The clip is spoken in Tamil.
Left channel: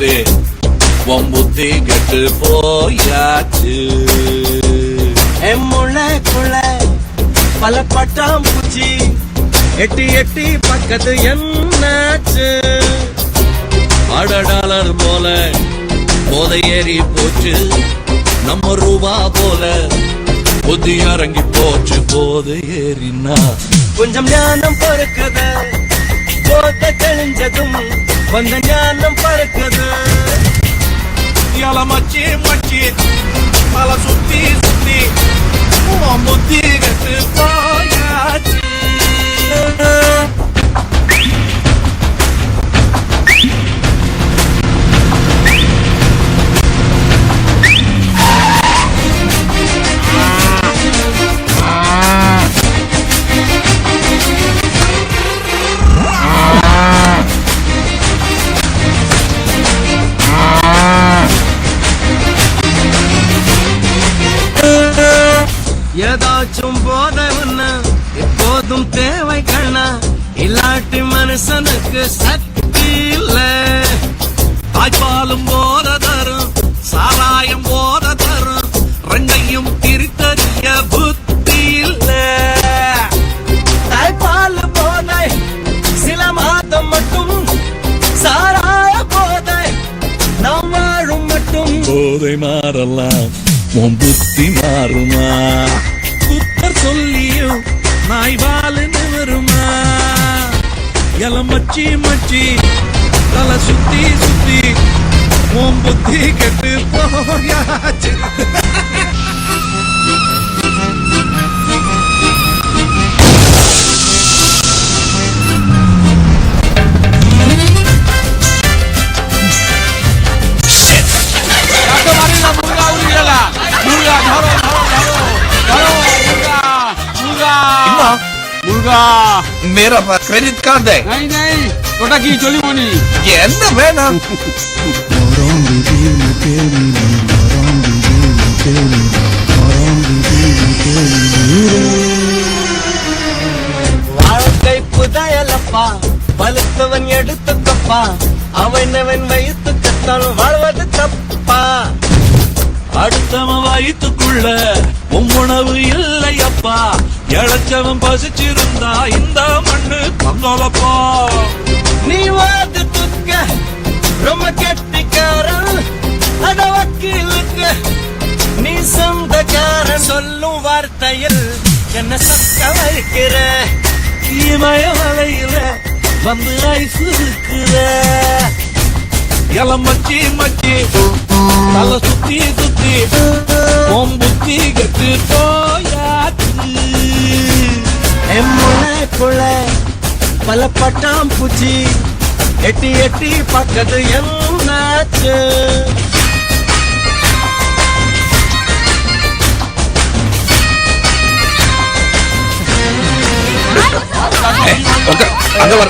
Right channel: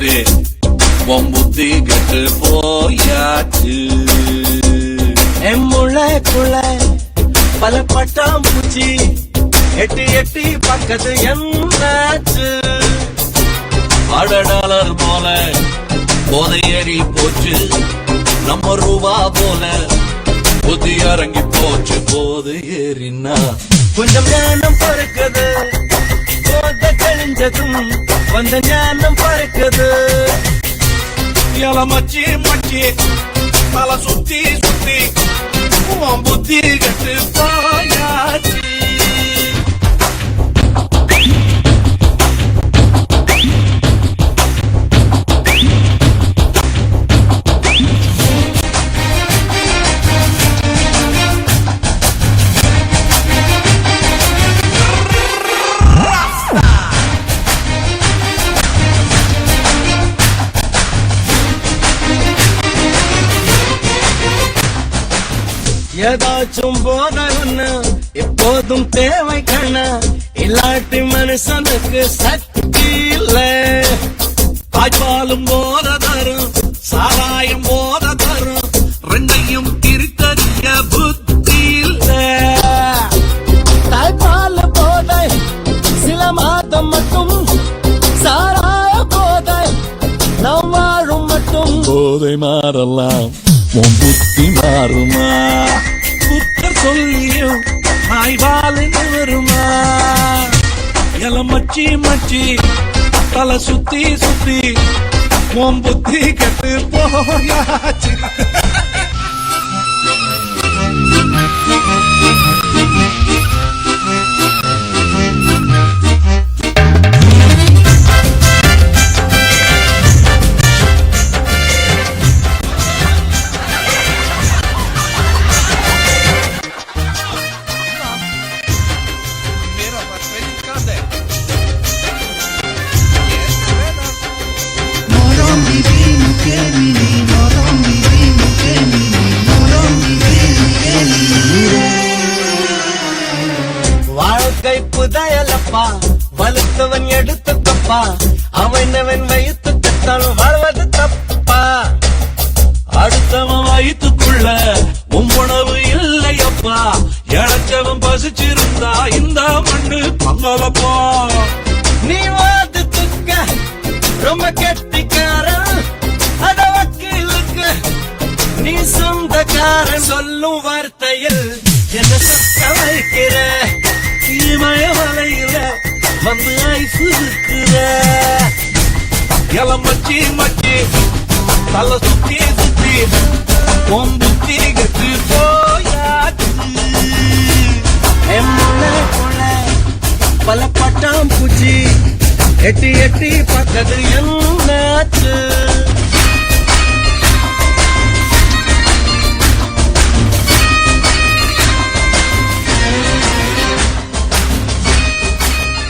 சுத்தி உன் புத்தி கெட்டு போயாச்சு. என் முளைக்குள்ள பல பட்டாம்பூச்சி எட்டி எட்டி பக்கத்து என்னாச்சு. $1 போல போதை ஏறி போச்சு, நம்ம ரூபா போல புத்தி இறங்கி போச்சு. போது ஏறினா கொஞ்சம் ஞானம் பறக்குது, போத தெளிஞ்சதும் வந்த ஞானம் பறக்குது. மச்சி மச்சி தலை சுத்தி சுத்தி உன் புத்தி கட்டு போயாச்சு. ஏதாச்சும் போத ஒண்ணு எப்போதும் தேவை கண்ணா, இல்லாட்டி மனுஷனுக்கு சக்தி இல்ல. தாய்ப்பாலும் போத தரும், சாராயம் போத தரும், ரெண்டையும் பிரித்தறிய புத்தி இல்ல. தாய்ப்பால் போதை சில மாதம் மட்டும், சாராய போதை நாம் வாழும் மட்டும். போதை மாறலாம், உன் புத்தி மாறுமா? புத்தர் சொல்லியும் நாய் வாழுன்னு வருமா? மச்சி மச்சி தலை சுத்தி சுத்தி உன் புத்தி கெட்டு போயாச்சு. मेरा क्रेडिट कार्ड है। नहीं थोड़ा की चोली मोनी என்ன வேணும்? வாழ்க்கை புதையலப்பா, பழுத்தவன் எடுத்துக்கப்பா, அவன் வயிற்று கத்தான் வாழ்வது தப்பா. அடுத்தவன் வயிற்றுக்குள்ள உணவு இல்லையப்பா, இழைச்சவன் பசிச்சிருந்தா இந்த மண்ணு பங்களப்பா. நீ வாது துக்க ரொம்ப கெட்டிக்காரன், அத வக்கீலுக்கு நீ சொந்தக்காரன். சொல்லும் வார்த்தையில் என்ன சொக்க வைக்கிற, இமய வலையில வந்து ஐசு இருக்கிற. மச்சி மச்சி தலை சுத்தி சுத்தி உன் புத்தி கெட்டு போயாச்சு. என் முளைக்குள்ள பல பட்டாம்பூச்சி எட்டி எட்டி பக்கத்து என்னாச்சு. அங்க வர